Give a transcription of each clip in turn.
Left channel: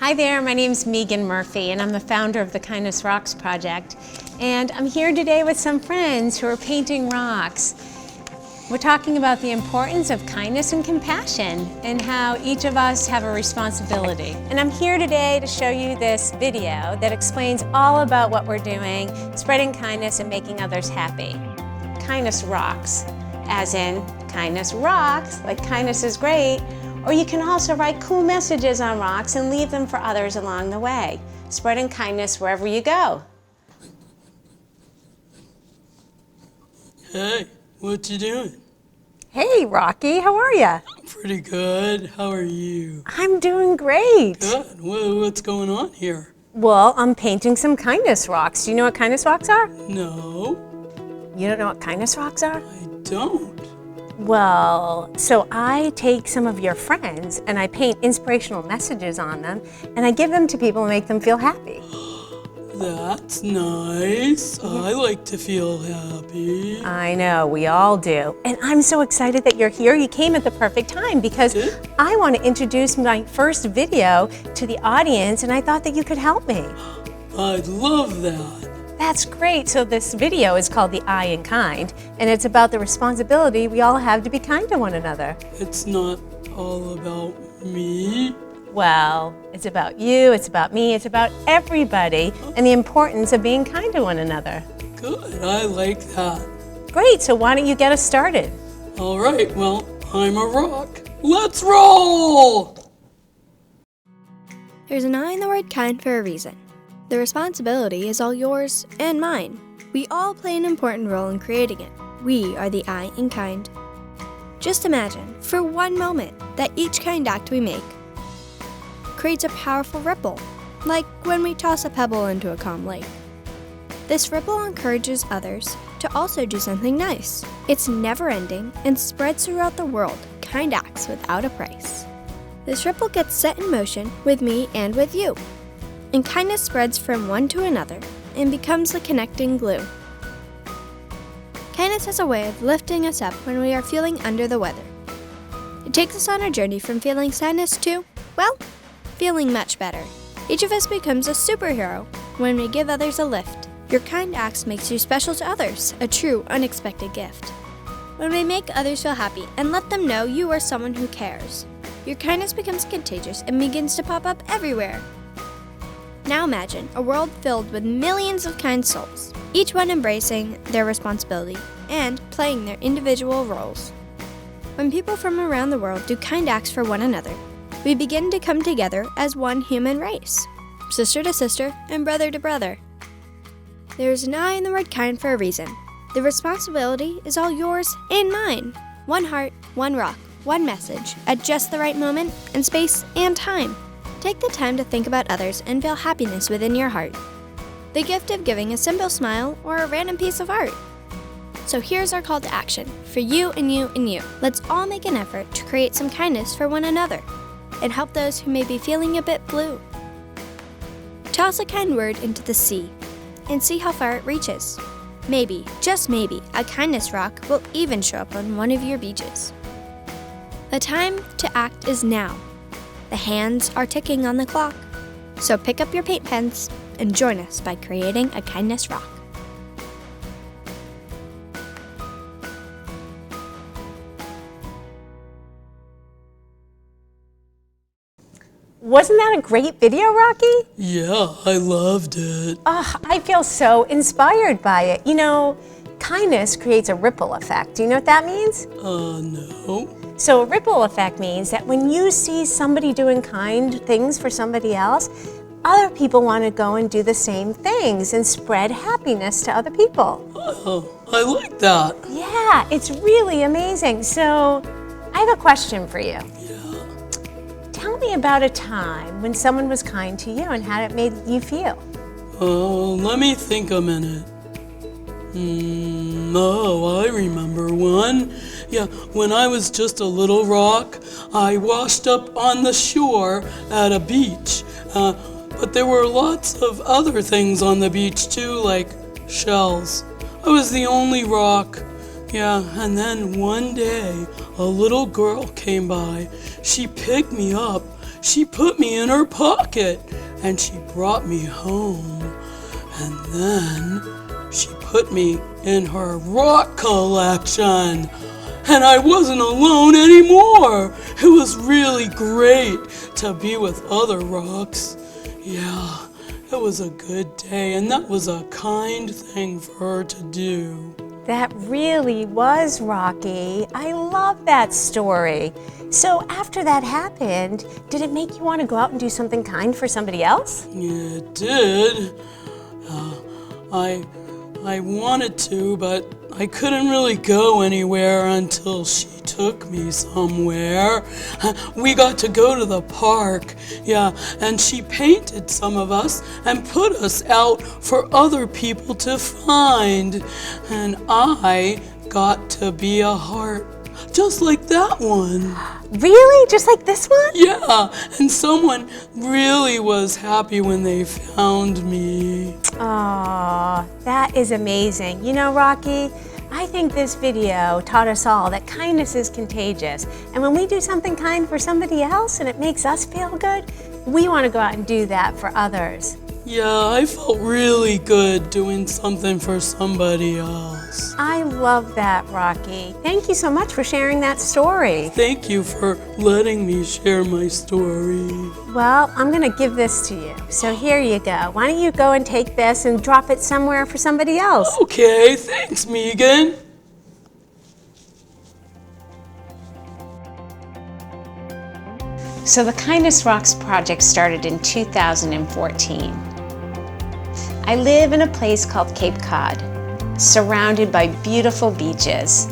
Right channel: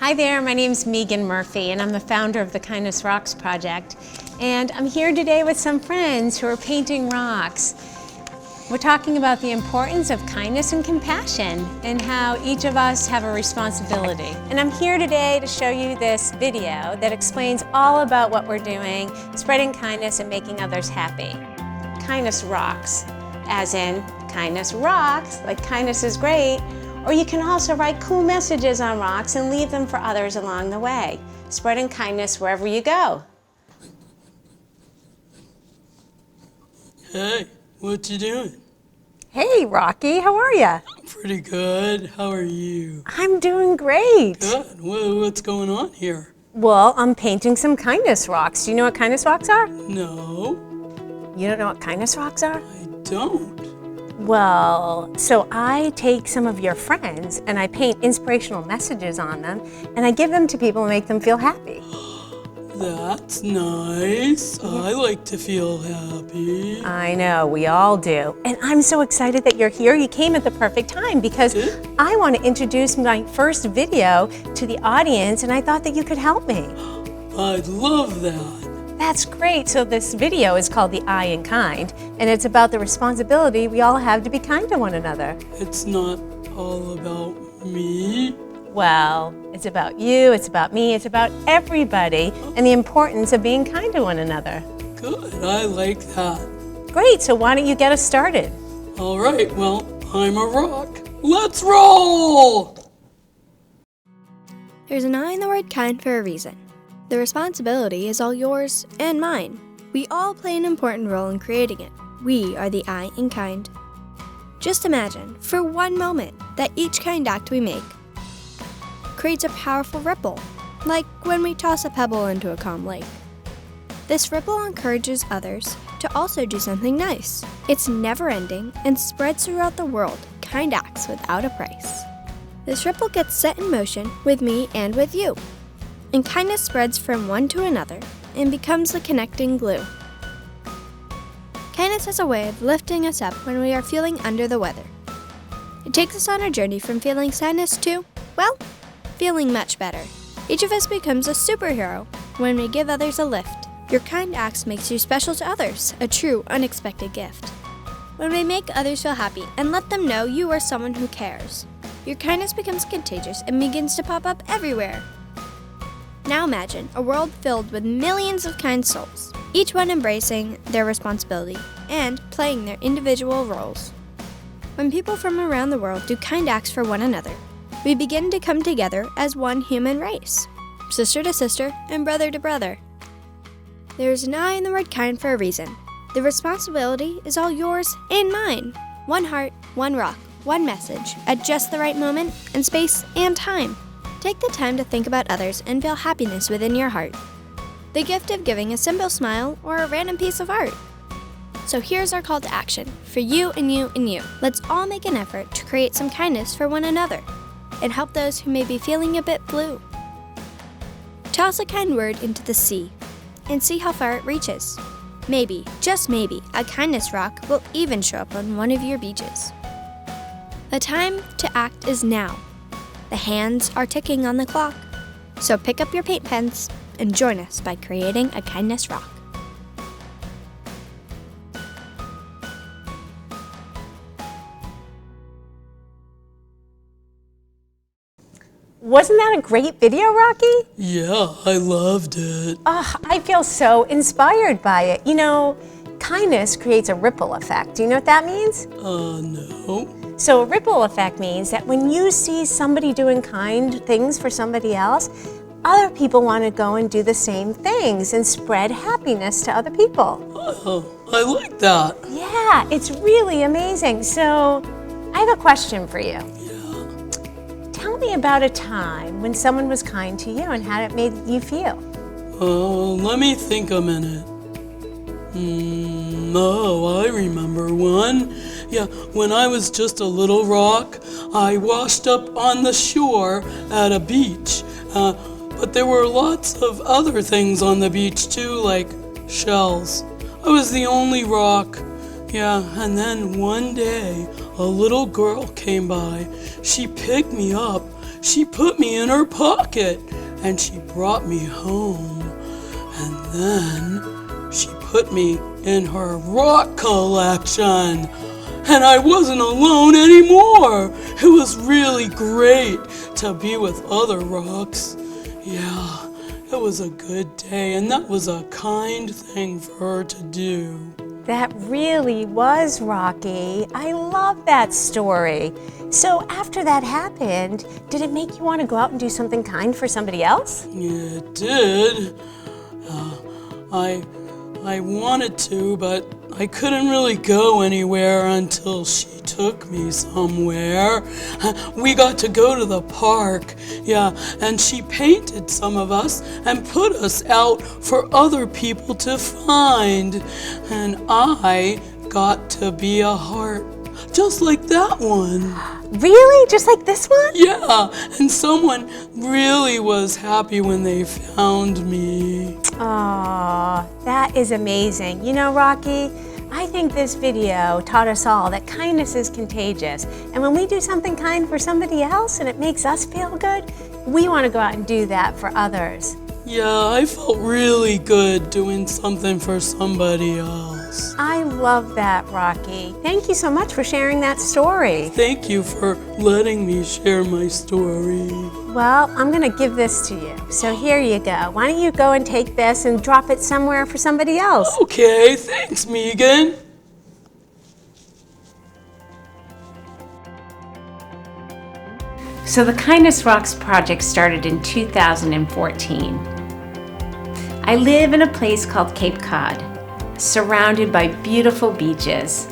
Hi there, my name's Megan Murphy and I'm the founder of the Kindness Rocks Project. And I'm here today with some friends who are painting rocks. We're talking about the importance of kindness and compassion and how each of us have a responsibility. And I'm here today to show you this video that explains all about what we're doing, spreading kindness and making others happy. Kindness rocks, as in kindness rocks, like kindness is great. Or you can also write cool messages on rocks and leave them for others along the way, spreading kindness wherever you go. Hey, what you doing? Hey, Rocky, how are you? Pretty good. How are you? I'm doing great. Good. What's going on here? Well, I'm painting some kindness rocks. Do you know what kindness rocks are? No, You don't know what kindness rocks are? I don't. Well, so I take some of your friends and I paint inspirational messages on them and I give them to people and make them feel happy. That's nice. I like to feel happy. I know, we all do. And I'm so excited that you're here. You came at the perfect time because I want to introduce my first video to the audience and I thought that you could help me. I'd love that. That's great. So this video is called The I in Kind, and it's about the responsibility we all have to be kind to one another. It's not all about me. Well, it's about you, it's about me, it's about everybody, and the importance of being kind to one another. Good. I like that. Great, so why don't you get us started? All right. Well, I'm a rock. Let's roll! There's an I in the word kind for a reason. The responsibility is all yours and mine. We all play an important role in creating it. We are the I in kind. Just imagine, for one moment, that each kind act we make creates a powerful ripple, like when we toss a pebble into a calm lake. This ripple encourages others to also do something nice. It's never-ending and spreads throughout the world, kind acts without a price. This ripple gets set in motion with me and with you. And kindness spreads from one to another and becomes the connecting glue. Kindness has a way of lifting us up when we are feeling under the weather. It takes us on a journey from feeling sadness to, well, feeling much better. Each of us becomes a superhero when we give others a lift. Your kind acts makes you special to others, a true, unexpected gift. When we make others feel happy and let them know you are someone who cares, your kindness becomes contagious and begins to pop up everywhere. Now imagine a world filled with millions of kind souls, each one embracing their responsibility and playing their individual roles. When people from around the world do kind acts for one another, we begin to come together as one human race, sister to sister and brother to brother. There is an I in the word kind for a reason. The responsibility is all yours and mine. One heart, one rock, one message at just the right moment and space and time. Take the time to think about others and feel happiness within your heart. The gift of giving a simple smile or a random piece of art. So here's our call to action for you and you and you. Let's all make an effort to create some kindness for one another and help those who may be feeling a bit blue. Toss a kind word into the sea and see how far it reaches. Maybe, just maybe, a kindness rock will even show up on one of your beaches. The time to act is now. The hands are ticking on the clock, so pick up your paint pens and join us by creating a kindness rock. Wasn't that a great video, Rocky? Yeah, I loved it. I feel so inspired by it. You know, kindness creates a ripple effect. Do you know what that means? No. So a ripple effect means that when you see somebody doing kind things for somebody else, other people want to go and do the same things and spread happiness to other people. Oh, I like that. Yeah, it's really amazing. So I have a question for you. Yeah. Tell me about a time when someone was kind to you and how it made you feel. Let me think a minute. I remember one. Yeah, when I was just a little rock, I washed up on the shore at a beach. But there were lots of other things on the beach too, like shells. I was the only rock. Yeah, and then one day, a little girl came by. She picked me up. she put me in her pocket and she brought me home. And then she put me in her rock collection. And I wasn't alone anymore. It was really great to be with other rocks. Yeah, it was a good day, and that was a kind thing for her to do. That really was Rocky. I love that story. So after that happened, did it make you want to go out and do something kind for somebody else? Yeah, it did. I wanted to, but I couldn't really go anywhere until she took me somewhere. We got to go to the park, yeah, and she painted some of us and put us out for other people to find. And I got to be a heart, just like that one. Really? Just like this one? Yeah, and someone really was happy when they found me. Aw, that is amazing. You know, Rocky, I think this video taught us all that kindness is contagious. And when we do something kind for somebody else and it makes us feel good, we want to go out and do that for others. Yeah, I felt really good doing something for somebody else. I love that, Rocky. Thank you so much for sharing that story. Thank you for letting me share my story. Well, I'm going to give this to you. So here you go. Why don't you go and take this and drop it somewhere for somebody else? Okay, thanks, Megan. So the Kindness Rocks project started in 2014. I live in a place called Cape Cod, surrounded by beautiful beaches.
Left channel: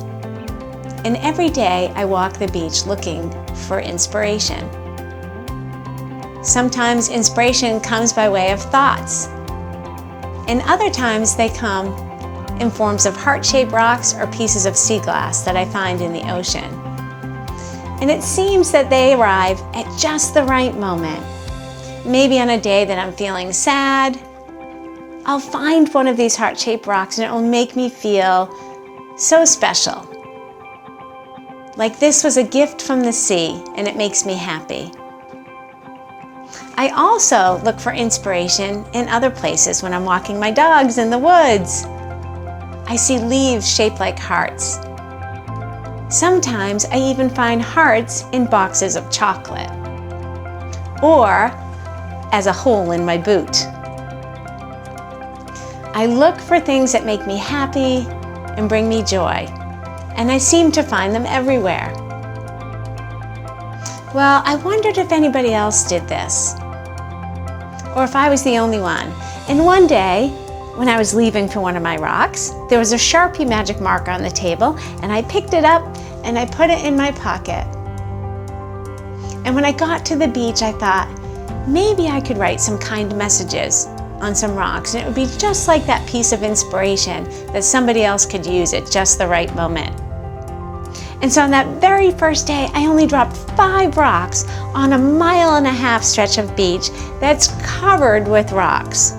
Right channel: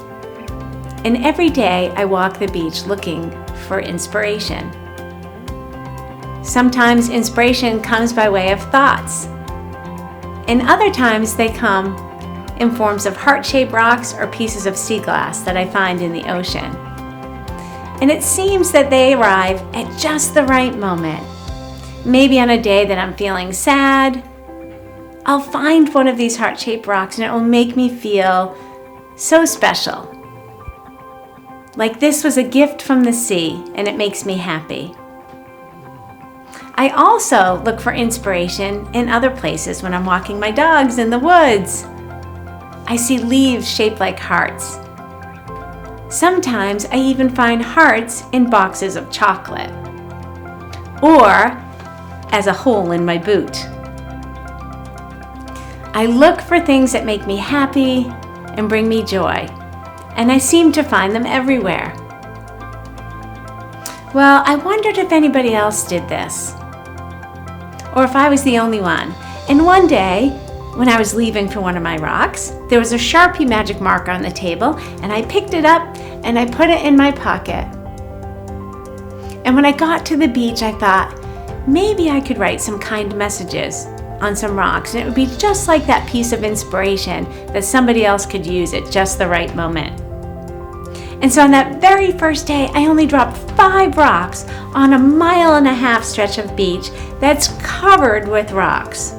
And every day I walk the beach looking for inspiration. Sometimes inspiration comes by way of thoughts, and other times they come in forms of heart-shaped rocks or pieces of sea glass that I find in the ocean. And it seems that they arrive at just the right moment. Maybe on a day that I'm feeling sad, I'll find one of these heart-shaped rocks and it will make me feel so special. Like this was a gift from the sea and it makes me happy. I also look for inspiration in other places when I'm walking my dogs in the woods. I see leaves shaped like hearts. Sometimes I even find hearts in boxes of chocolate, or as a hole in my boot. I look for things that make me happy and bring me joy, and I seem to find them everywhere. Well, I wondered if anybody else did this, or if I was the only one. And one day, when I was leaving for one of my rocks, there was a Sharpie magic marker on the table, and I picked it up and I put it in my pocket. And when I got to the beach, I thought, maybe I could write some kind messages on some rocks, and it would be just like that piece of inspiration that somebody else could use at just the right moment. And so on that very first day, I only dropped 5 rocks on a 1.5 mile stretch of beach that's covered with rocks.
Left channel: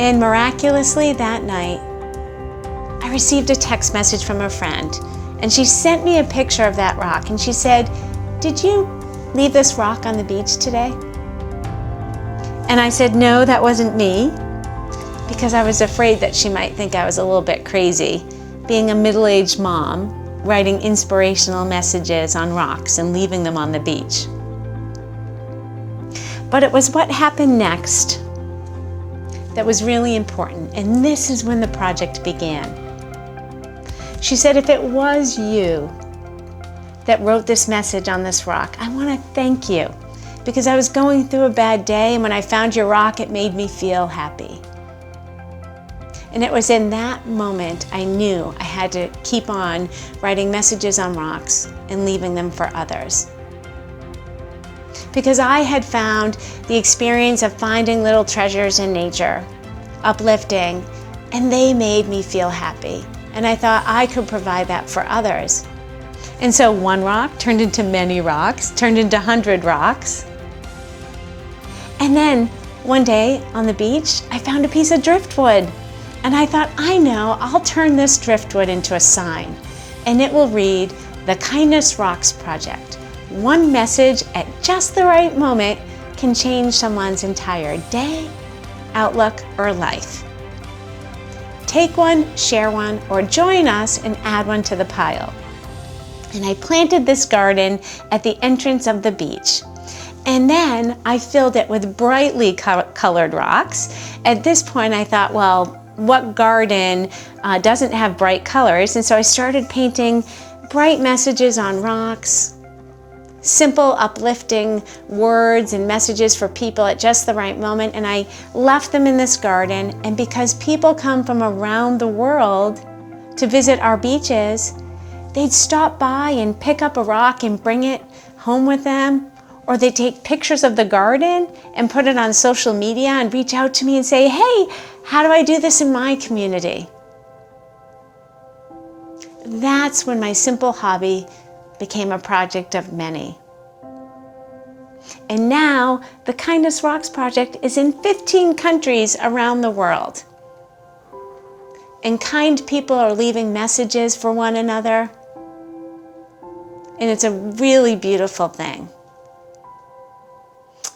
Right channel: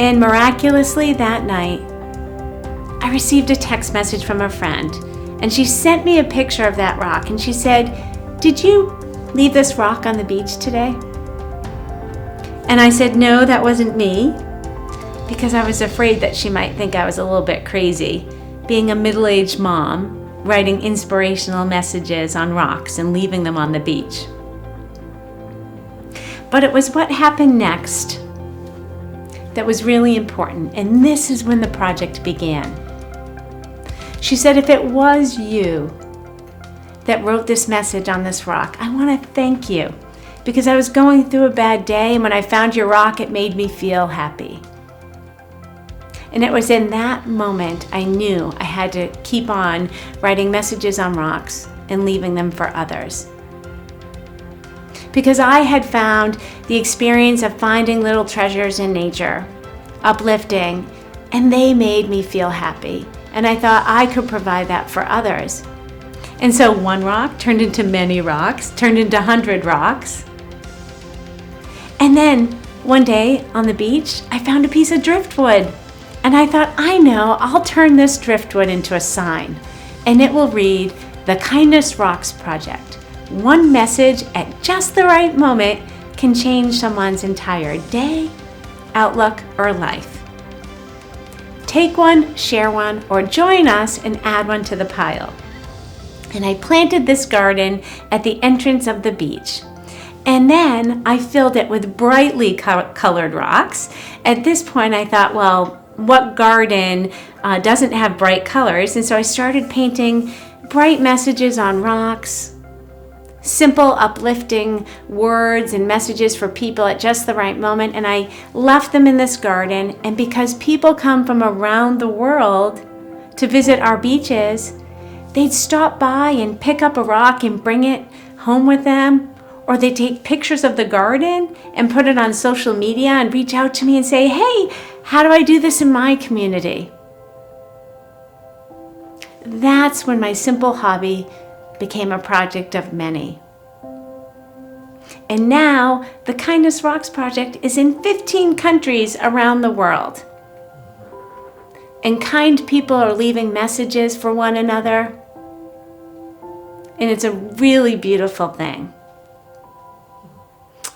And miraculously that night, I received a text message from a friend, and she sent me a picture of that rock, and she said, "Did you leave this rock on the beach today?" And I said, "No, that wasn't me," because I was afraid that she might think I was a little bit crazy, being a middle-aged mom, writing inspirational messages on rocks and leaving them on the beach. But it was what happened next that was really important, and this is when the project began. She said, "If it was you that wrote this message on this rock, I want to thank you, because I was going through a bad day, and when I found your rock, it made me feel happy." And it was in that moment I knew I had to keep on writing messages on rocks and leaving them for others. Because I had found the experience of finding little treasures in nature uplifting, and they made me feel happy. And I thought I could provide that for others. And so one rock turned into many rocks, turned into 100 rocks. And then one day on the beach, I found a piece of driftwood. And I thought, I know, I'll turn this driftwood into a sign. And it will read, "The Kindness Rocks Project, One message at just the right moment can change someone's entire day, outlook, or life. Take one, share one, or join us and add one to the pile. And I planted this garden at the entrance of the beach. And then I filled it with brightly colored rocks. At this point I thought, well, what garden doesn't have bright colors? And so I started painting bright messages on rocks, simple uplifting words and messages for people at just the right moment. And I left them in this garden. And because people come from around the world to visit our beaches, they'd stop by and pick up a rock and bring it home with them. Or they take pictures of the garden and put it on social media and reach out to me and say, hey, how do I do this in my community? That's when my simple hobby became a project of many. And now the Kindness Rocks project is in 15 countries around the world. And kind people are leaving messages for one another. And it's a really beautiful thing.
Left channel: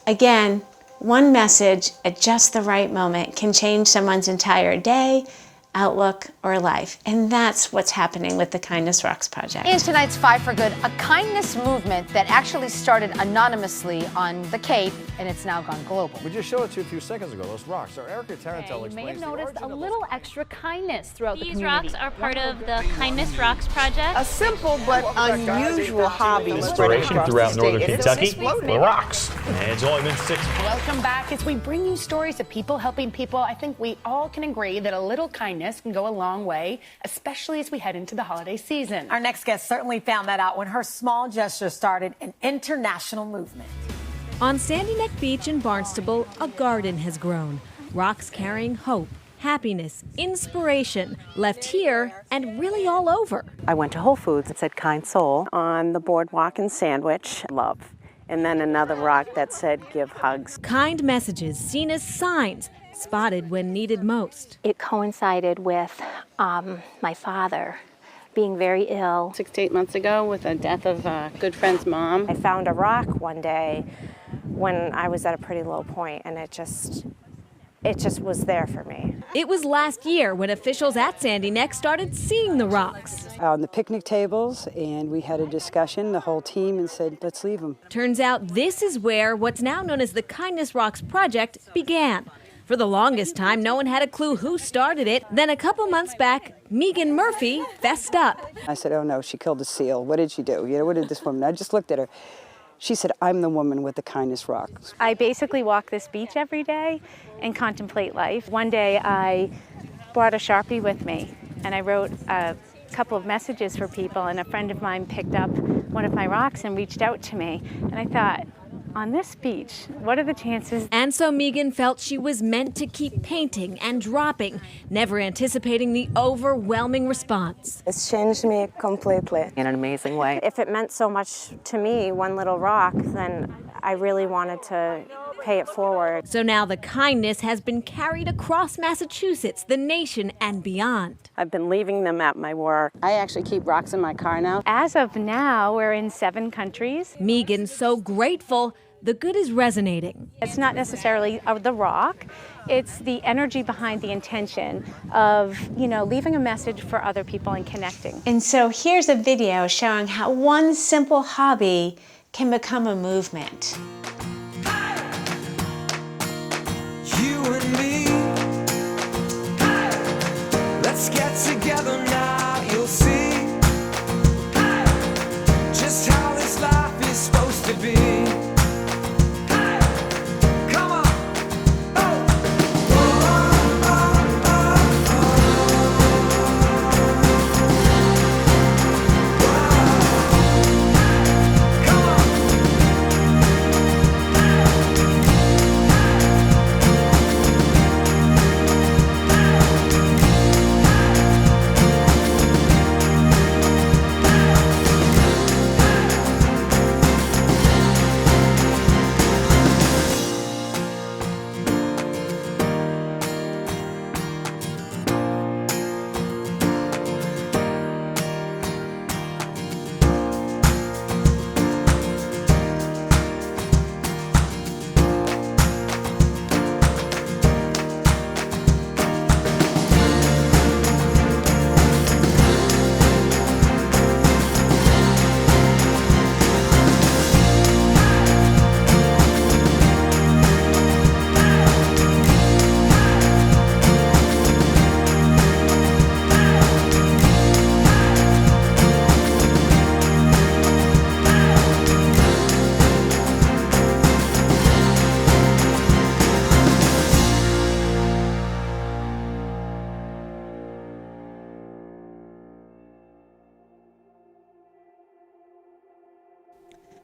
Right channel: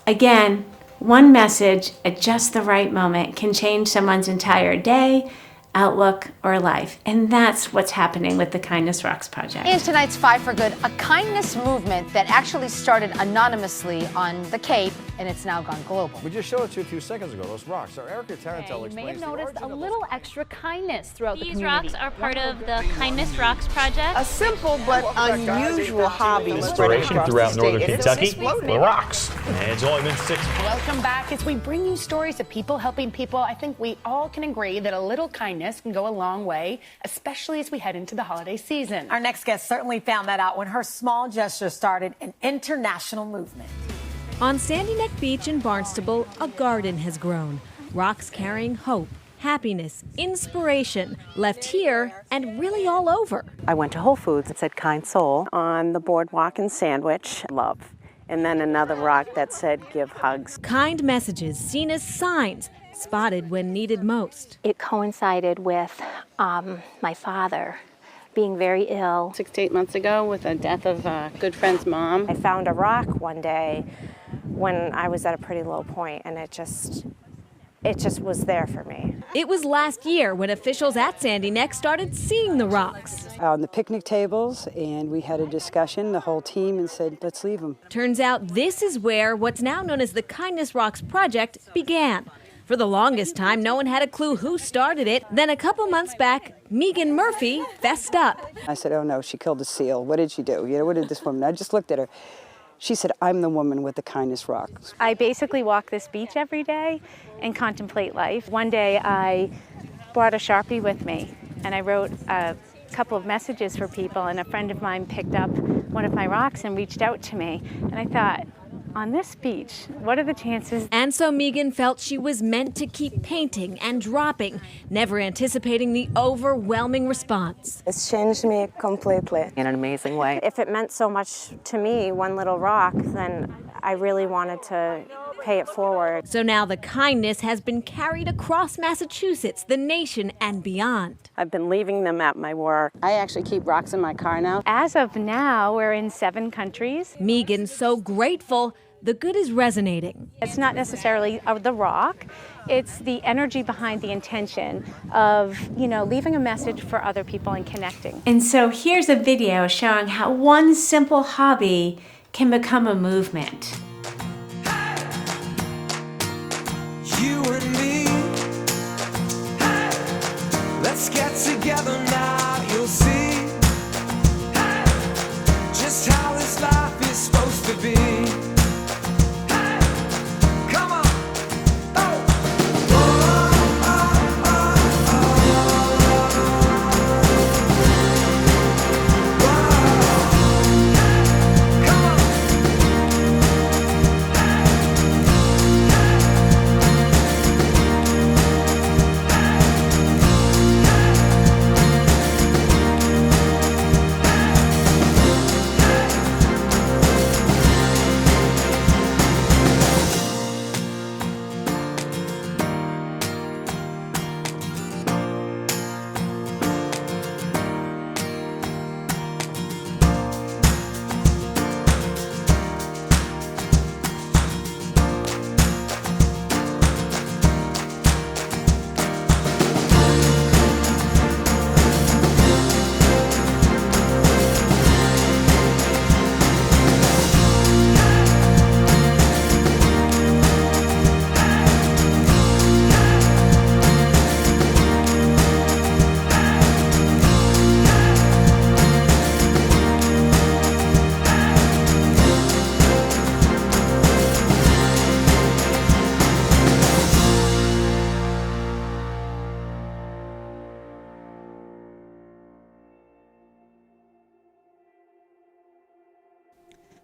Again, one message at just the right moment can change someone's entire day, outlook, or life. And that's what's happening with the Kindness Rocks project. In tonight's Five for Good, a kindness movement that actually started anonymously on the Cape, and it's now gone global. We just showed it to you a few seconds ago, those rocks. Our Erica Tarantel explains you may have the noticed a origin of little extra kindness throughout the These community. rocks are part of the Kindness Rocks project. A simple but unusual hobby. Inspiration throughout northern Kentucky, the rocks. And it's only been 6 months. Welcome back. As we bring you stories of people helping people, I think we all can agree that a little kindness can go a long way, especially as we head into the holiday season. Our next guest certainly found that out when her small gesture started an international movement. On Sandy Neck Beach in Barnstable, a garden has grown. Rocks carrying hope, happiness, inspiration, left here and really all over. I went to Whole Foods and said kind soul on the boardwalk in Sandwich, love. And then another rock that said give hugs. Kind messages seen as signs, spotted when needed most. It coincided with my father being very ill. 6 to 8 months ago with the death of a good friend's mom. I found a rock one day when I was at a pretty low point, and it just was there for me. It was last year when officials at Sandy Neck started seeing the rocks. On the picnic tables, and we had a discussion, the whole team, and said, let's leave them. Turns out this is where what's now known as the Kindness Rocks project began. For the longest time, no one had a clue who started it. Then a couple months back, Megan Murphy fessed up. I said, oh no, she killed a seal. What did she do? You know, what did this woman? I just looked at her. She said, I'm the woman with the Kindness Rocks. I basically walk this beach every day and contemplate life. One day I brought a Sharpie with me and I wrote a couple of messages for people, and a friend of mine picked up one of my rocks and reached out to me. And I thought, on this beach, what are the chances? And so Megan felt she was meant to keep painting and dropping, never anticipating the overwhelming response. It's changed me completely. In an amazing way. If it meant so much to me, one little rock, then I really wanted to pay it forward. So now the kindness has been carried across Massachusetts, the nation, and beyond. I've been leaving them at my work. I actually keep rocks in my car now. As of now, we're in 7 countries. Megan's so grateful the good is resonating. It's not necessarily the rock, it's the energy behind the intention of, leaving a message for other people and connecting. And so here's a video showing how one simple hobby can become a movement. You and me, let's get together now, you'll see just how this life is supposed to be. Come on.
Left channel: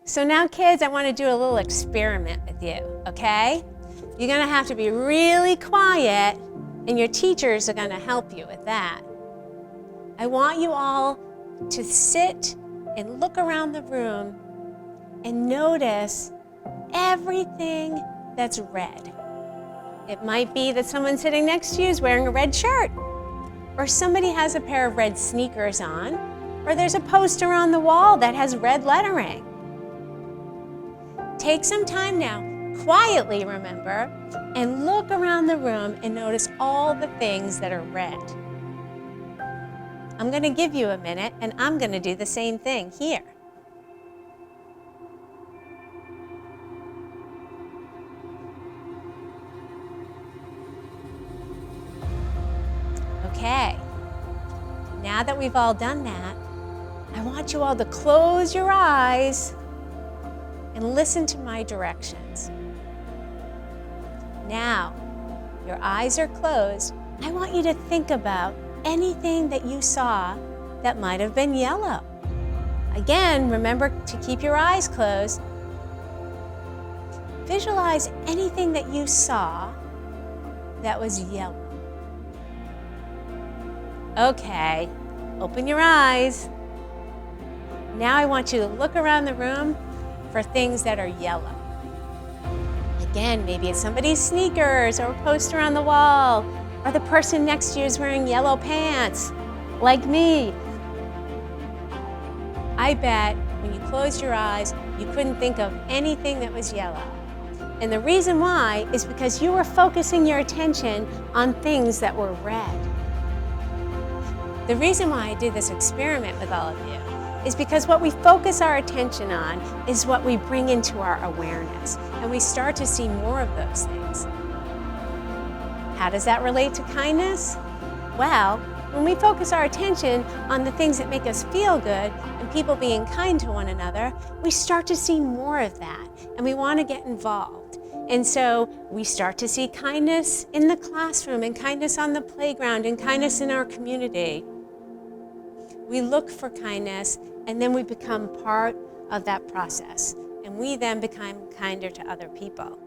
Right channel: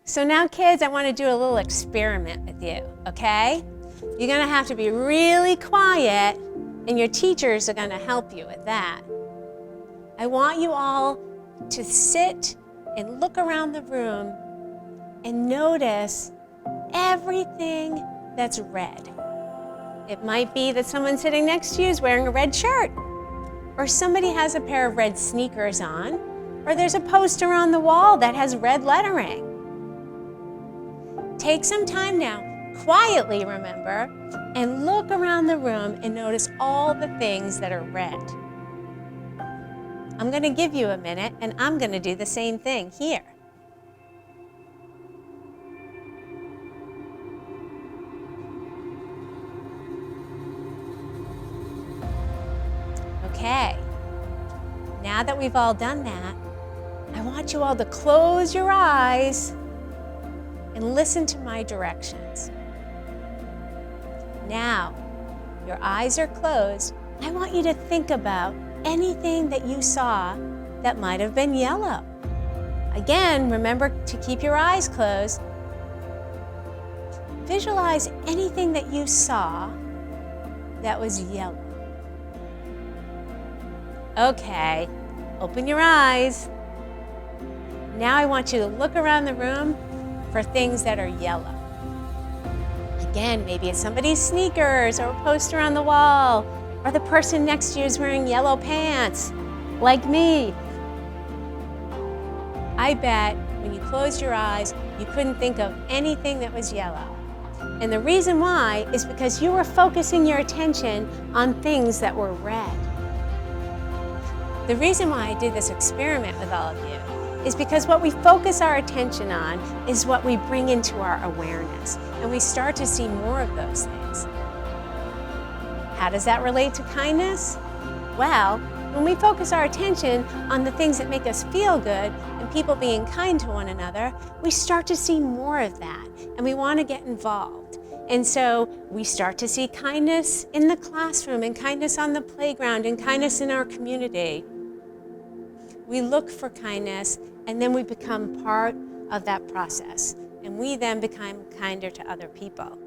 So now, kids, I want to do a little experiment with you, okay? You're going to have to be really quiet, and your teachers are going to help you with that. I want you all to sit and look around the room and notice everything that's red. It might be that someone sitting next to you is wearing a red shirt, or somebody has a pair of red sneakers on, or there's a poster on the wall that has red lettering. Take some time now, quietly remember, and look around the room and notice all the things that are red. I'm going to give you a minute, and I'm going to do the same thing here. Okay, now that we've all done that, I want you all to close your eyes and listen to my directions. Now, your eyes are closed. I want you to think about anything that you saw that might have been yellow. Again, remember to keep your eyes closed. Visualize anything that you saw that was yellow. Okay, open your eyes. Now I want you to look around the room for things that are yellow. Again, maybe it's somebody's sneakers or a poster on the wall, or the person next to you is wearing yellow pants, like me. I bet when you closed your eyes, you couldn't think of anything that was yellow. And the reason why is because you were focusing your attention on things that were red. The reason why I did this experiment with all of you is because what we focus our attention on is what we bring into our awareness, and we start to see more of those things. How does that relate to kindness? Well, when we focus our attention on the things that make us feel good and people being kind to one another, we start to see more of that, and we want to get involved. And so we start to see kindness in the classroom, and kindness on the playground, and kindness in our community. We look for kindness, and then we become part of that process, and we then become kinder to other people.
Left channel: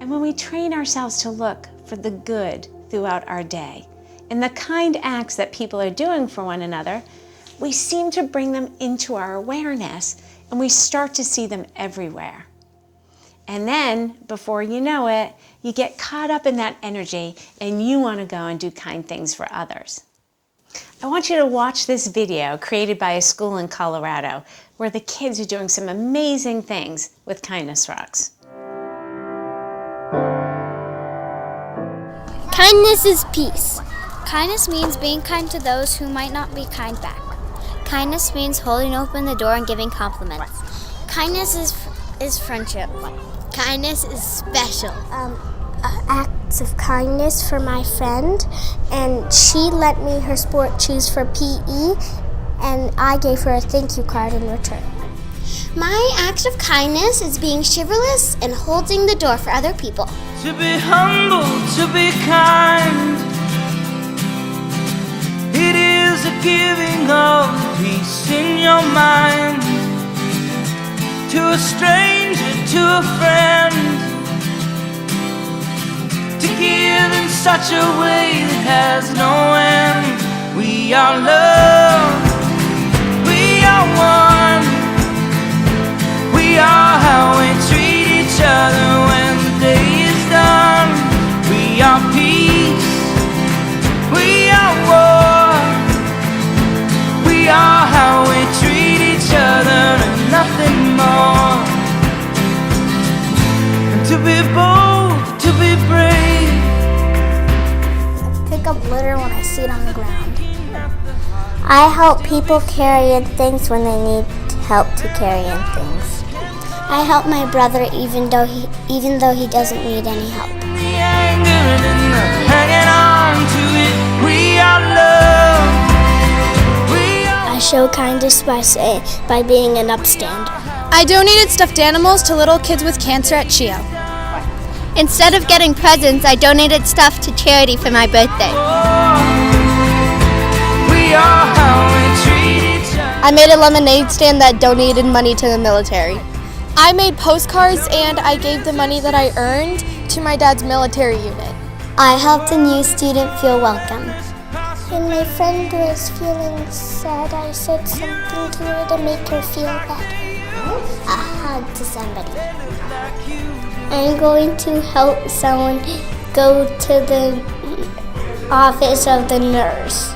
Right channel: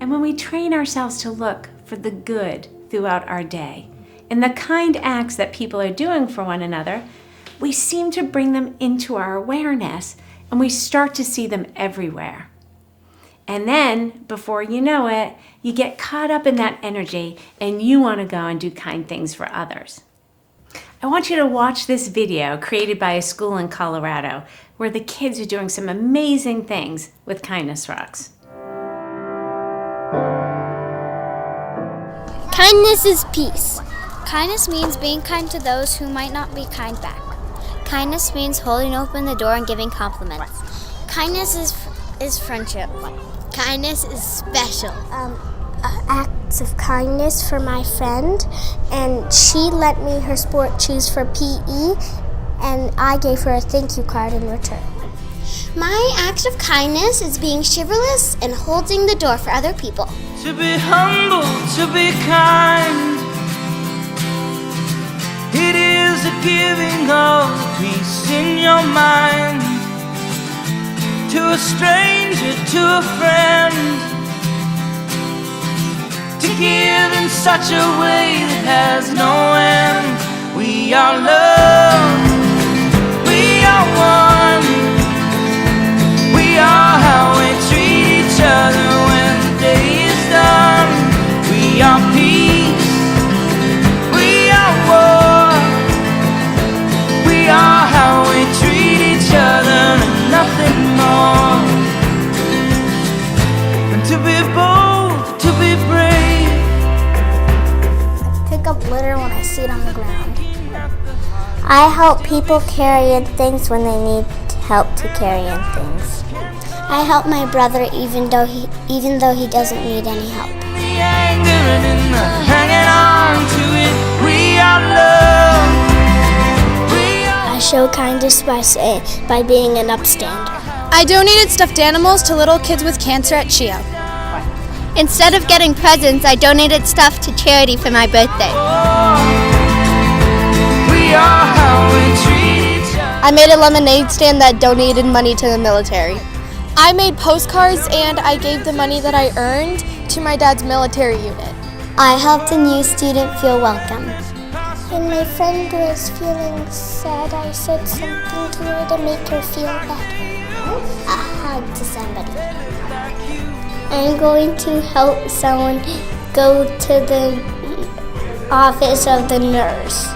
And when we train ourselves to look for the good throughout our day and the kind acts that people are doing for one another, we seem to bring them into our awareness, and we start to see them everywhere. And then, before you know it, you get caught up in that energy, and you want to go and do kind things for others. I want you to watch this video created by a school in Colorado where the kids are doing some amazing things with Kindness Rocks. Kindness is peace. Kindness means being kind to those who might not be kind back. Kindness means holding open the door and giving compliments. Kindness is friendship. Kindness is special. Acts of kindness for my friend, and she lent me her sport shoes for PE, and I gave her a thank you card in return. My act of kindness is being chivalrous and holding the door for other people. To be humble, to be kind, it is a giving of the peace in your mind. To a stranger, to a friend, to give in such a way that has no end. We are love, we are one, we are how we treat each other when the day is done. We are peace, we are war, we are how we treat each other and nothing more. And to be bold, to be brave. I pick up litter when I see it on the ground. I help people carry in things when they need help to carry in things. I help my brother even though he doesn't need any help. The anger and in the hanging on to it, we are love. I show kindness by being an upstander. I donated stuffed animals to little kids with cancer at CHEO. Instead of getting presents, I donated stuff to charity for my birthday. We are how we treat each other. I made a lemonade stand that donated money to the military. I made postcards and I gave the money that I earned to my dad's military unit. I helped a new student feel welcome. When my friend was feeling sad, I said something to her to make her feel better. A hug to somebody. I'm going to help someone go to the office of the nurse.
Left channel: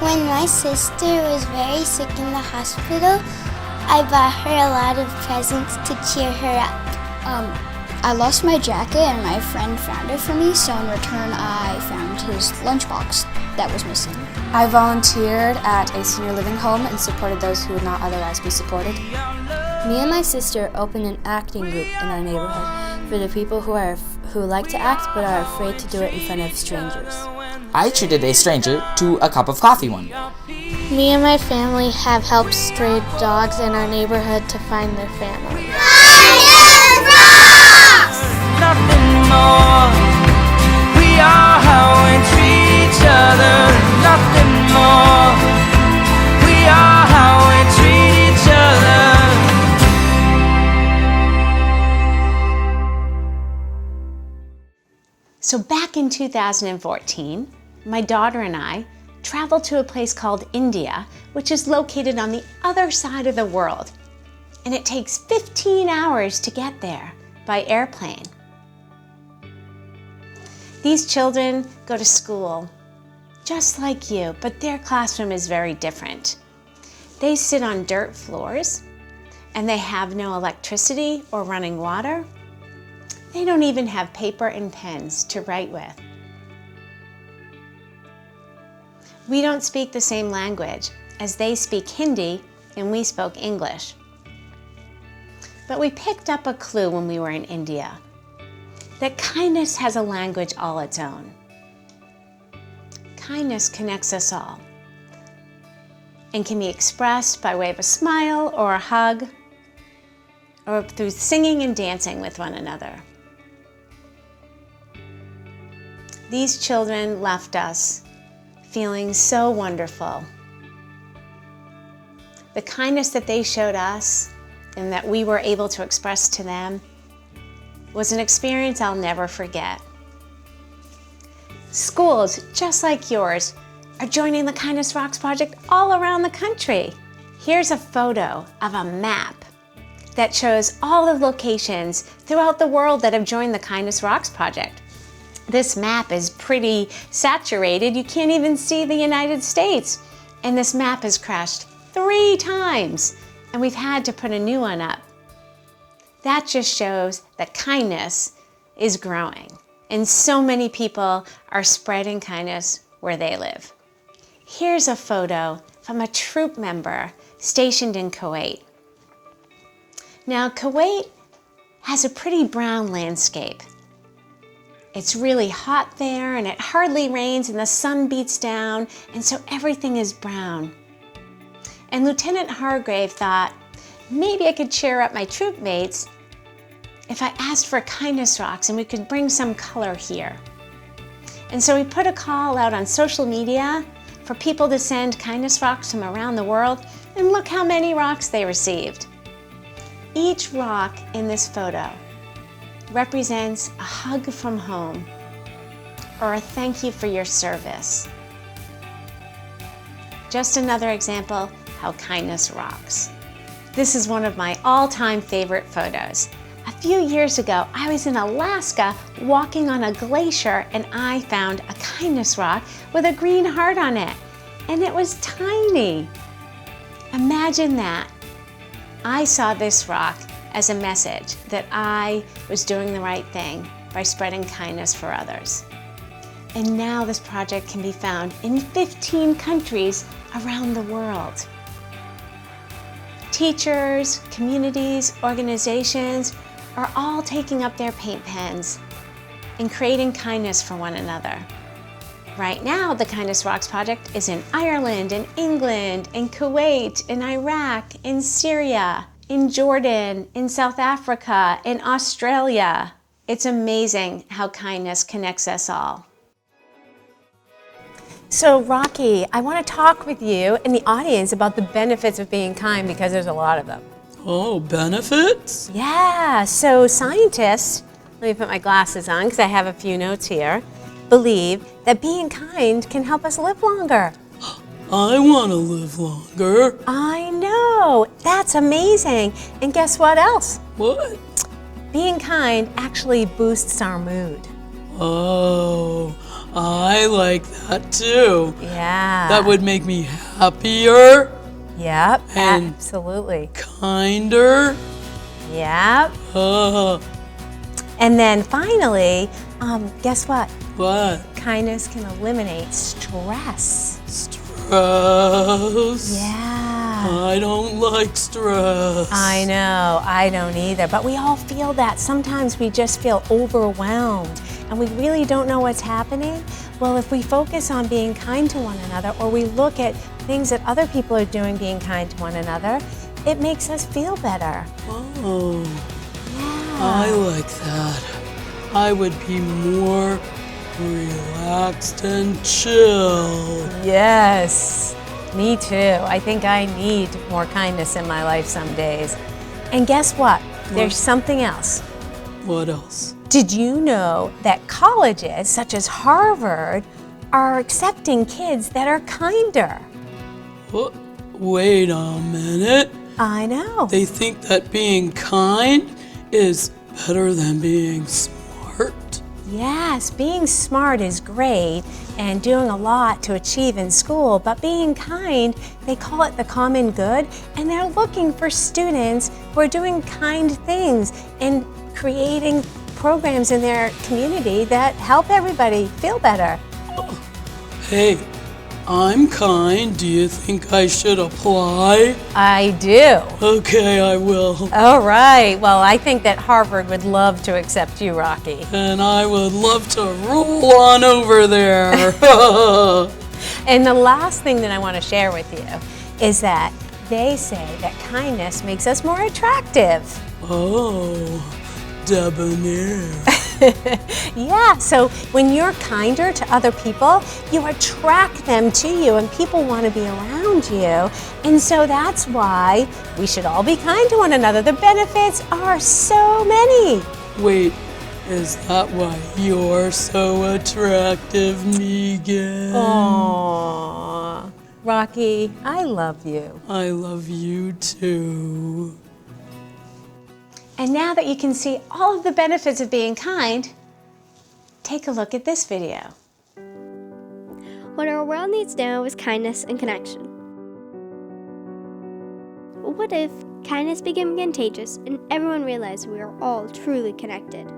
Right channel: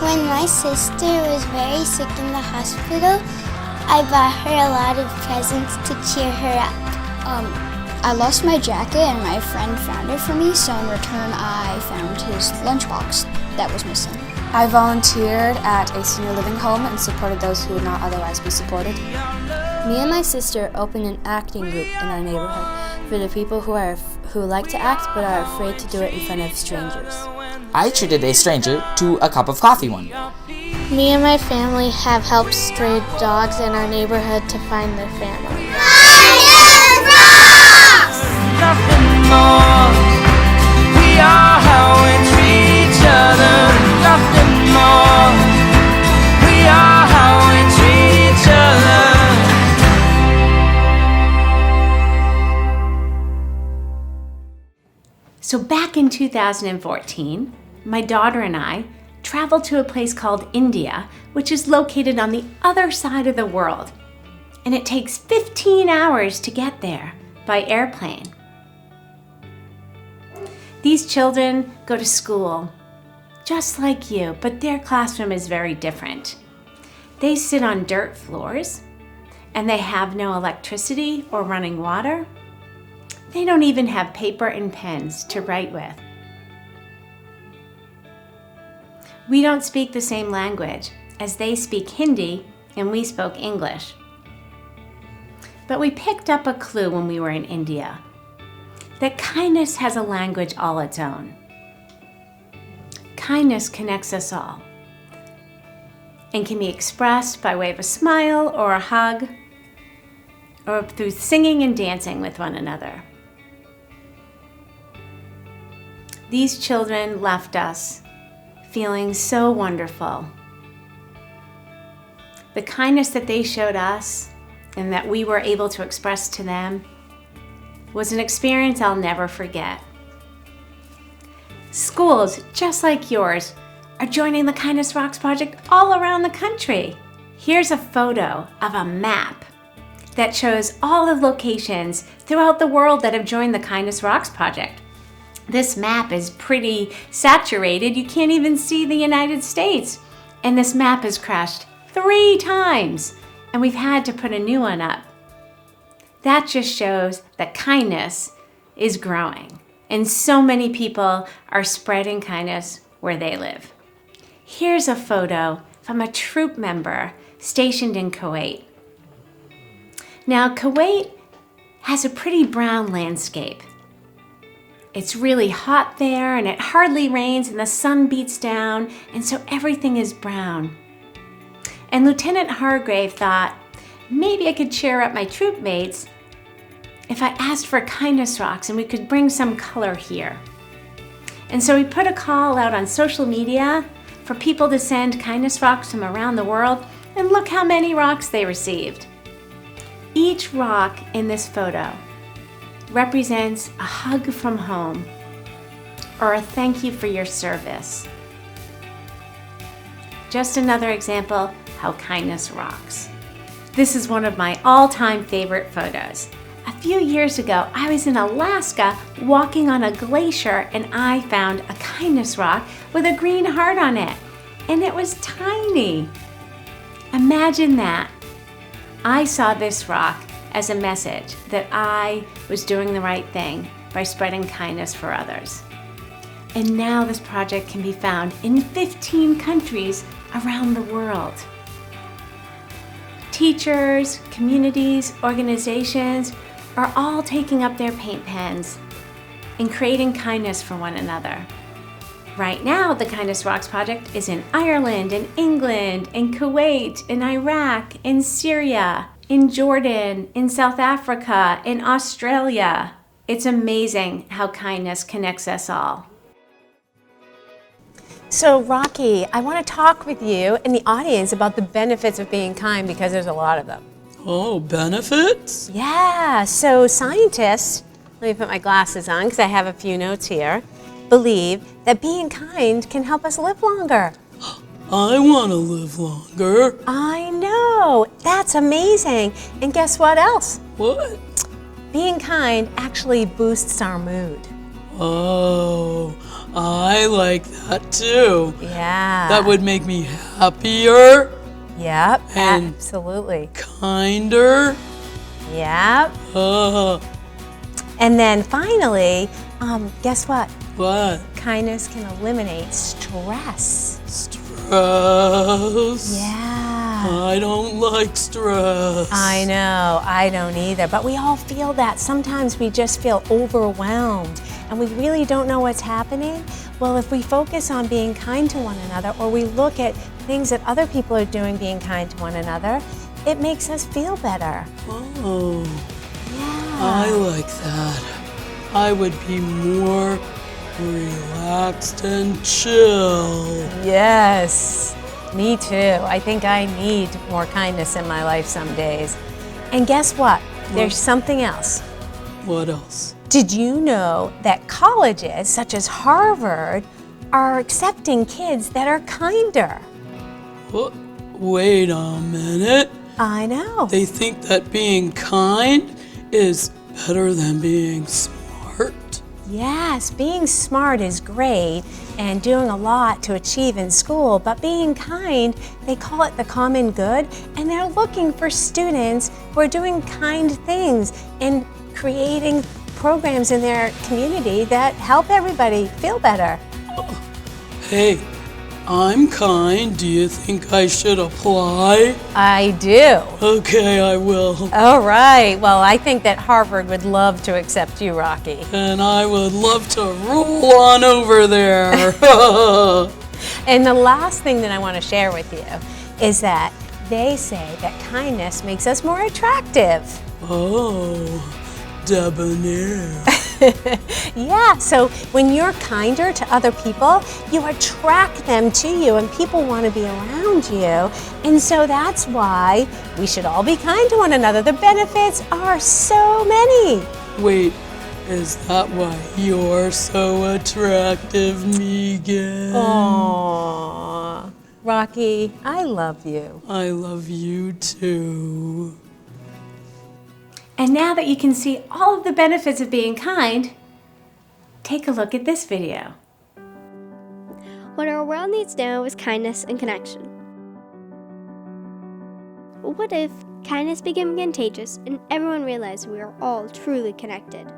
When my sister was very sick in the hospital, I bought her a lot of presents to cheer her up. I lost my jacket and my friend found it for me, so in return I found his lunchbox that was missing. I volunteered at a senior living home and supported those who would not otherwise be supported. Me and my sister opened an acting group in our neighborhood for the people who like to act but are afraid to do it in front of strangers. I treated a stranger to a cup of coffee one day. Me and my family have helped stray dogs in our neighborhood to find their family. Nothing more. We are how we treat each other. Nothing more. We are how we treat each other. So back in 2014, my daughter and I traveled to a place called India, which is located on the other side of the world. And it takes 15 hours to get there by airplane. These children go to school just like you, but their classroom is very different. They sit on dirt floors and they have no electricity or running water. They don't even have paper and pens to write with. We don't speak the same language, as they speak Hindi and we spoke English. But we picked up a clue when we were in India, that kindness has a language all its own. Kindness connects us all and can be expressed by way of a smile or a hug or through singing and dancing with one another. These children left us feeling so wonderful. The kindness that they showed us and that we were able to express to them was an experience I'll never forget. Schools, just like yours, are joining the Kindness Rocks project all around the country. Here's a photo of a map that shows all the locations throughout the world that have joined the Kindness Rocks project. This map is pretty saturated. You can't even see the United States. And this map has crashed 3 times, and we've had to put a new one up. That just shows that kindness is growing, and so many people are spreading kindness where they live. Here's a photo from a troop member stationed in Kuwait. Now, Kuwait has a pretty brown landscape. It's really hot there, and it hardly rains, and the sun beats down, and so everything is brown. And Lieutenant Hargrave thought, maybe I could cheer up my troop mates if I asked for Kindness Rocks and we could bring some color here. And so we put a call out on social media for people to send Kindness Rocks from around the world, and look how many rocks they received. Each rock in this photo represents a hug from home or a thank you for your service. Just another example how kindness rocks. This is one of my all-time favorite photos. A few years ago, I was in Alaska walking on a glacier and I found a kindness rock with a green heart on it, and it was tiny. Imagine that. I saw this rock as a message that I was doing the right thing by spreading kindness for others. And now this project can be found in 15 countries around the world. Teachers, communities, organizations are all taking up their paint pens and creating kindness for one another. Right now, the Kindness Rocks project is in Ireland, in England, in Kuwait, in Iraq, in Syria, in Jordan, in South Africa, in Australia. It's amazing how kindness connects us all. So Rocky, I want to talk with you and the audience about the benefits of being kind, because there's a lot of them. Oh, benefits? Yeah, so scientists, let me put my glasses on because I have a few notes here, believe that being kind can help us live longer. I want to live longer. I know, that's amazing. And guess what else? What? Being kind actually boosts our mood. Oh, I like that too. Yeah. That would make me happier. Yep, and absolutely. Kinder. Yep. And then finally, guess what? What? Kindness can eliminate stress. Stress. Yeah. I don't like stress. I know, I don't either, but we all feel that. Sometimes we just feel overwhelmed and we really don't know what's happening. Well, if we focus on being kind to one another, or we look at things that other people are doing being kind to one another, it makes us feel better. Oh, yeah. I like that. I would be more relaxed and chill. Yes, me too. I think I need more kindness in my life some days. And guess what? There's something else. What else? Did you know that colleges such as Harvard are accepting kids that are kinder? What? Wait a minute. I know. They think that being kind is better than being smart? Yes, being smart is great and doing a lot to achieve in school, but being kind, they call it the common good, and they're looking for students who are doing kind things and creating programs in their community that help everybody feel better. Hey, I'm kind. Do you think I should apply? I do. Okay, I will. All right. Well, I think that Harvard would love to accept you, Rocky. And I would love to roll on over there. And the last thing that I want to share with you is that they say that kindness makes us more attractive. Oh, debonair. Yeah, so when you're kinder to other people, you attract them to you and people want to be around you. And so that's why we should all be kind to one another. The benefits are so many. Wait, is that why you're so attractive, Megan? Aww. Rocky, I love you. I love you too. And now that you can see all of the benefits of being kind, take a look at this video. What our world needs now is kindness and connection. What if kindness became contagious and everyone realized we are all truly connected?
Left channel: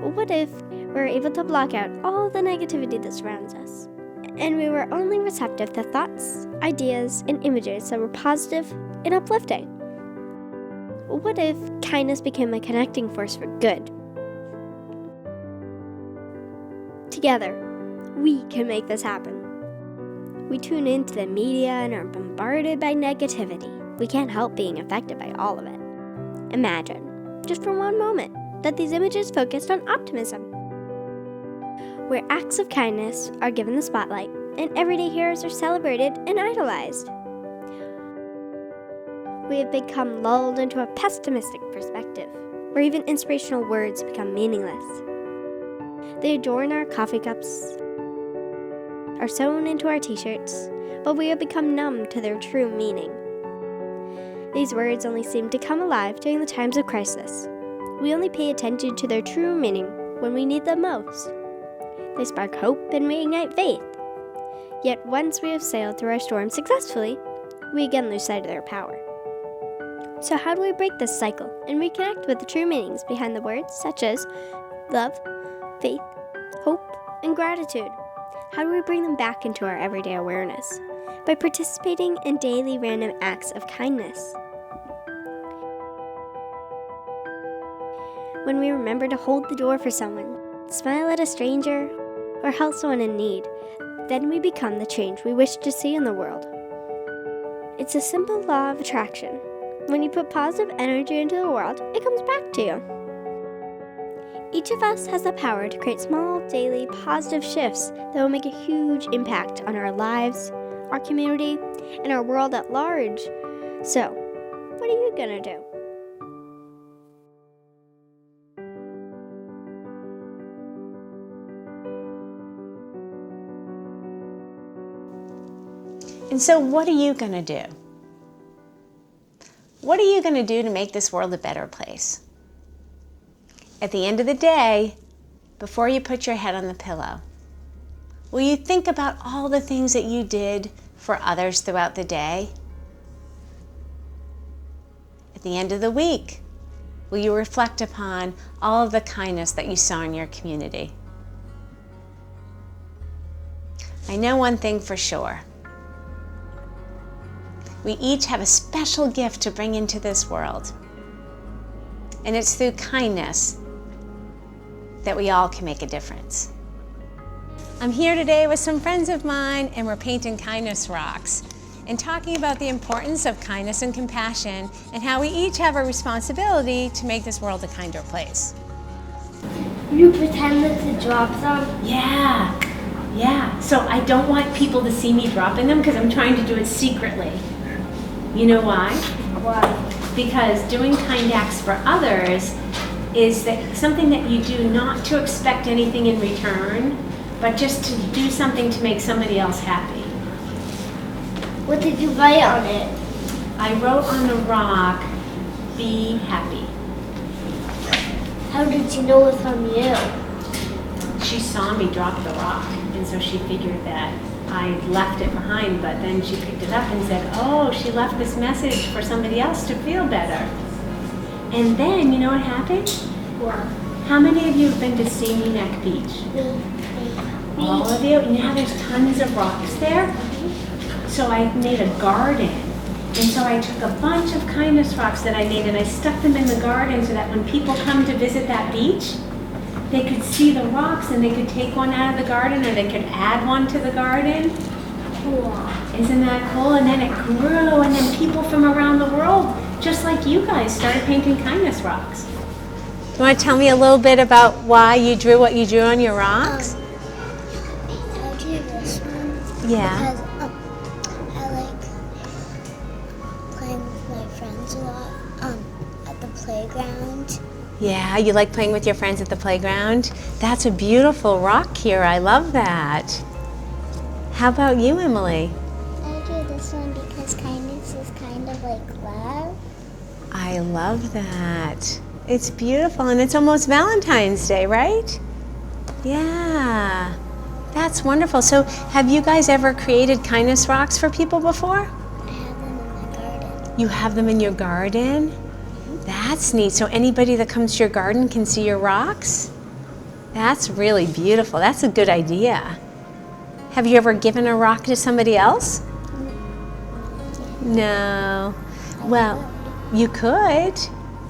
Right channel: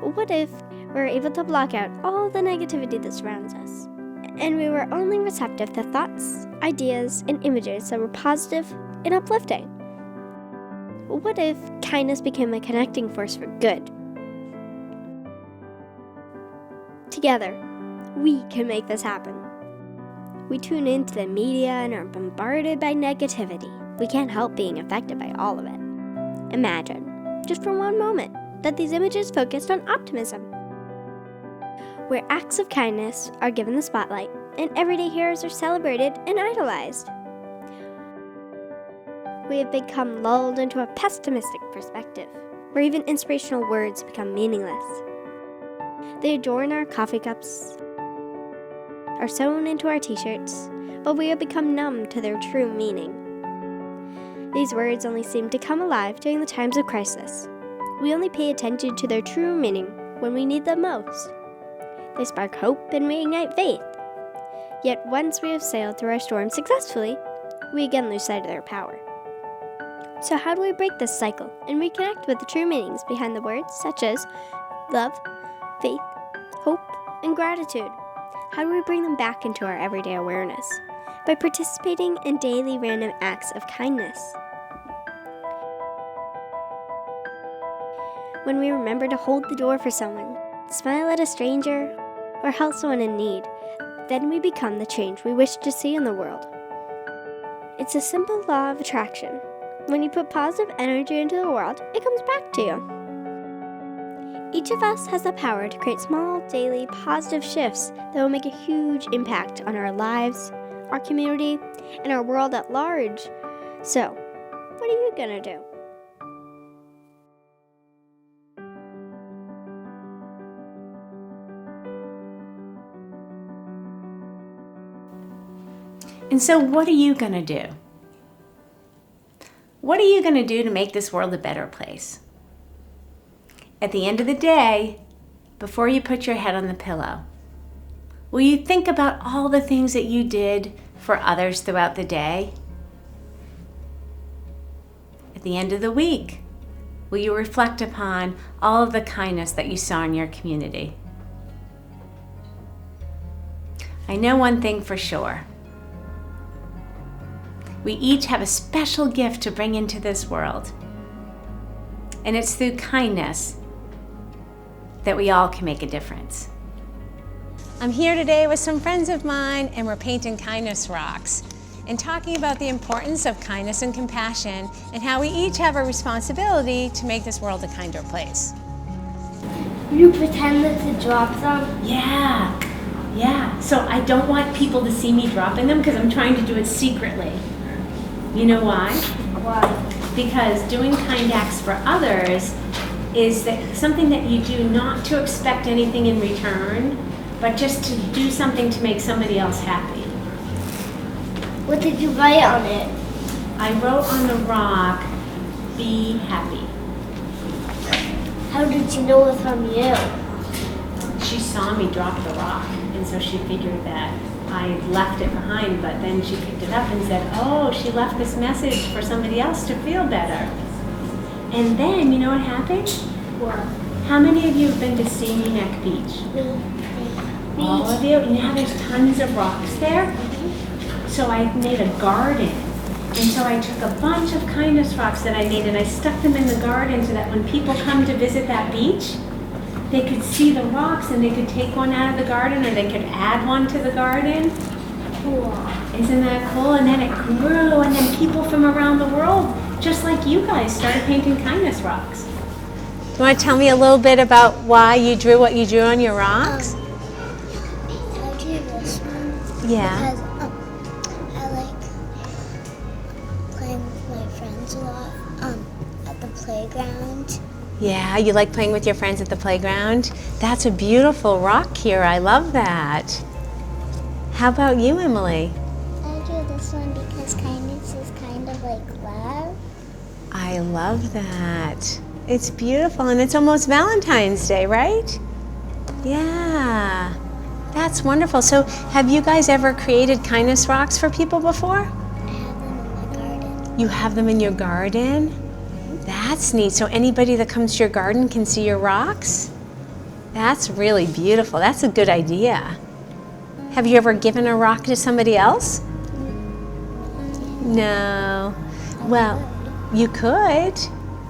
What if we were able to block out all the negativity that surrounds us, and we were only receptive to thoughts, ideas, and images that were positive and uplifting? What if kindness became a connecting force for good? Together, we can make this happen. We tune into the media and are bombarded by negativity. We can't help being affected by all of it. Imagine, just for one moment, that these images focused on optimism, where acts of kindness are given the spotlight and everyday heroes are celebrated and idolized. We have become lulled into a pessimistic perspective, where even inspirational words become meaningless. They adorn our coffee cups, are sewn into our t-shirts, but we have become numb to their true meaning. These words only seem to come alive during the times of crisis. We only pay attention to their true meaning when we need them most. They spark hope and reignite faith. Yet once we have sailed through our storm successfully, we again lose sight of their power. So how do we break this cycle and reconnect with the true meanings behind the words such as love, faith, hope, and gratitude? How do we bring them back into our everyday awareness? By participating in daily random acts of kindness. When we remember to hold the door for someone, smile at a stranger, or help someone in need, then we become the change we wish to see in the world. It's a simple law of attraction. When you put positive energy into the world, it comes back to you. Each of us has the power to create small, daily, positive shifts that will make a huge impact on our lives, our community, and our world at large. So, what are you gonna do? And so what are you going to do? What are you going to do to make this world a better place? At the end of the day, before you put your head on the pillow, will you think about all the things that you did for others throughout the day? At the end of the week, will you reflect upon all of the kindness that you saw in your community? I know one thing for sure. We each have a special gift to bring into this world. And it's through kindness that we all can make a difference. I'm here today with some friends of mine, and we're painting kindness rocks and talking about the importance of kindness and compassion and how we each have a responsibility to make this world a kinder place. You pretended to drop them? Yeah. So I don't want people to see me dropping them because I'm trying to do it secretly. You know why? Why? Because doing kind acts for others is something that you do not to expect anything in return, but just to do something to make somebody else happy. What did you write on it? I wrote on the rock, "Be happy." How did you know it was from you? She saw me drop the rock, and so she figured that I left it behind, but then she picked it up and said, oh, she left this message for somebody else to feel better. And then, you know what happened? What? How many of you have been to Stony Neck Beach? Me. All of you? You know how there's tons of rocks there? So I made a garden. And so I took a bunch of kindness rocks that I made and I stuck them in the garden so that when people come to visit that beach, they could see the rocks and they could take one out of the garden or they could add one to the garden. Cool. Isn't that cool? And then it grew, and then people from around the world, just like you guys, started painting kindness rocks. You want to tell me a little bit about why you drew what you drew on your rocks? I drew this one. Yeah. Because I like playing with my friends a lot at the playground. Yeah, you like playing with your friends at the playground? That's a beautiful rock here. I love that. How about you, Emily? I drew this one because kindness is kind of like love. I love that. It's beautiful, and it's almost Valentine's Day, right? Yeah, that's wonderful. So have you guys ever created kindness rocks for people before? I have them in my garden. You have them in your garden? That's neat. So anybody that comes to your garden can see your rocks? That's really beautiful. That's a good idea. Have you ever given a rock to somebody else? No. Well, you could,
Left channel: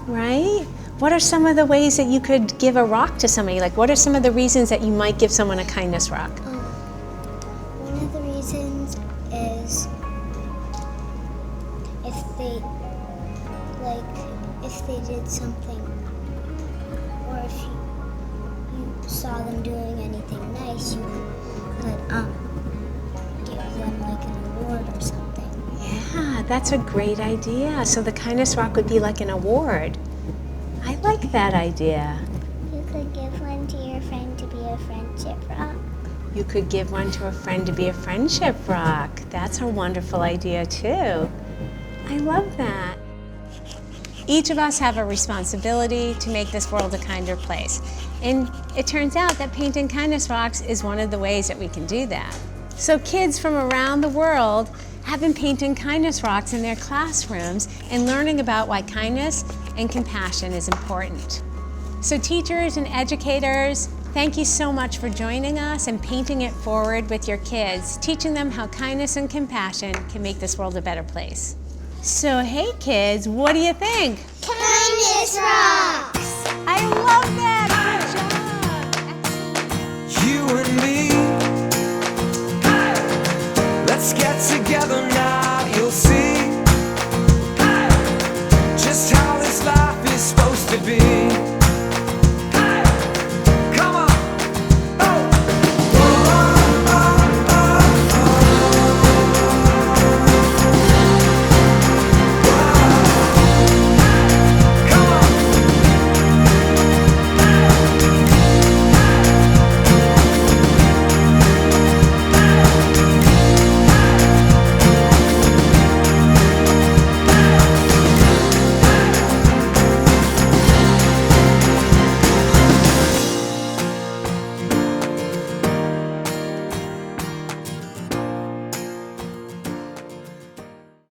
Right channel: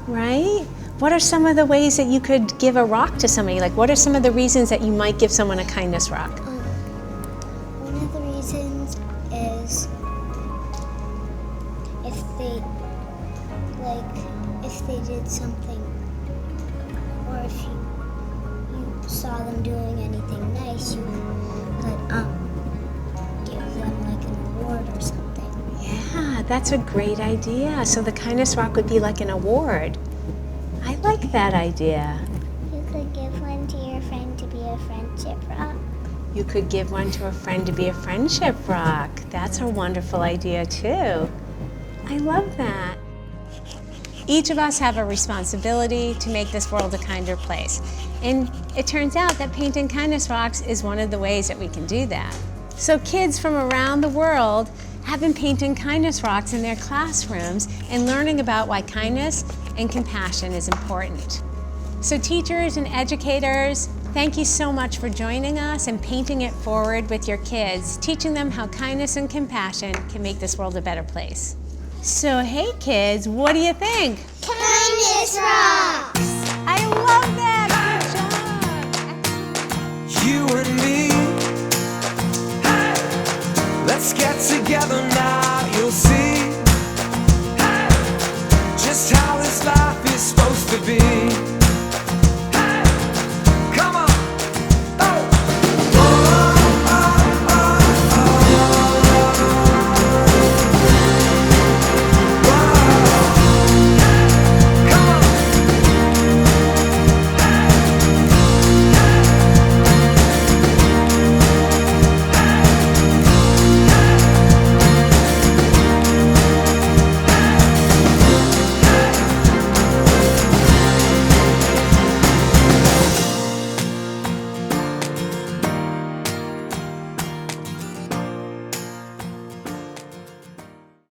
right? What are some of the ways that you could give a rock to somebody? Like, what are some of the reasons that you might give someone a kindness rock? One of the reasons is if they did something, or if you saw them doing anything nice, you could give them like an award or something. Yeah, that's a great idea. So the kindness rock would be like an award. I like that idea. You could give one to your friend to be a friendship rock. You could give one to a friend to be a friendship rock. That's a wonderful idea too. I love that. Each of us have a responsibility to make this world a kinder place. And it turns out that painting kindness rocks is one of the ways that we can do that. So kids from around the world have been painting kindness rocks in their classrooms and learning about why kindness and compassion is important. So teachers and educators, thank you so much for joining us and painting it forward with your kids, teaching them how kindness and compassion can make this world a better place. So hey kids, what do you think? Kindness rocks! I love that! Good job! You and me, let's get together now, you'll see just how this life is supposed to be.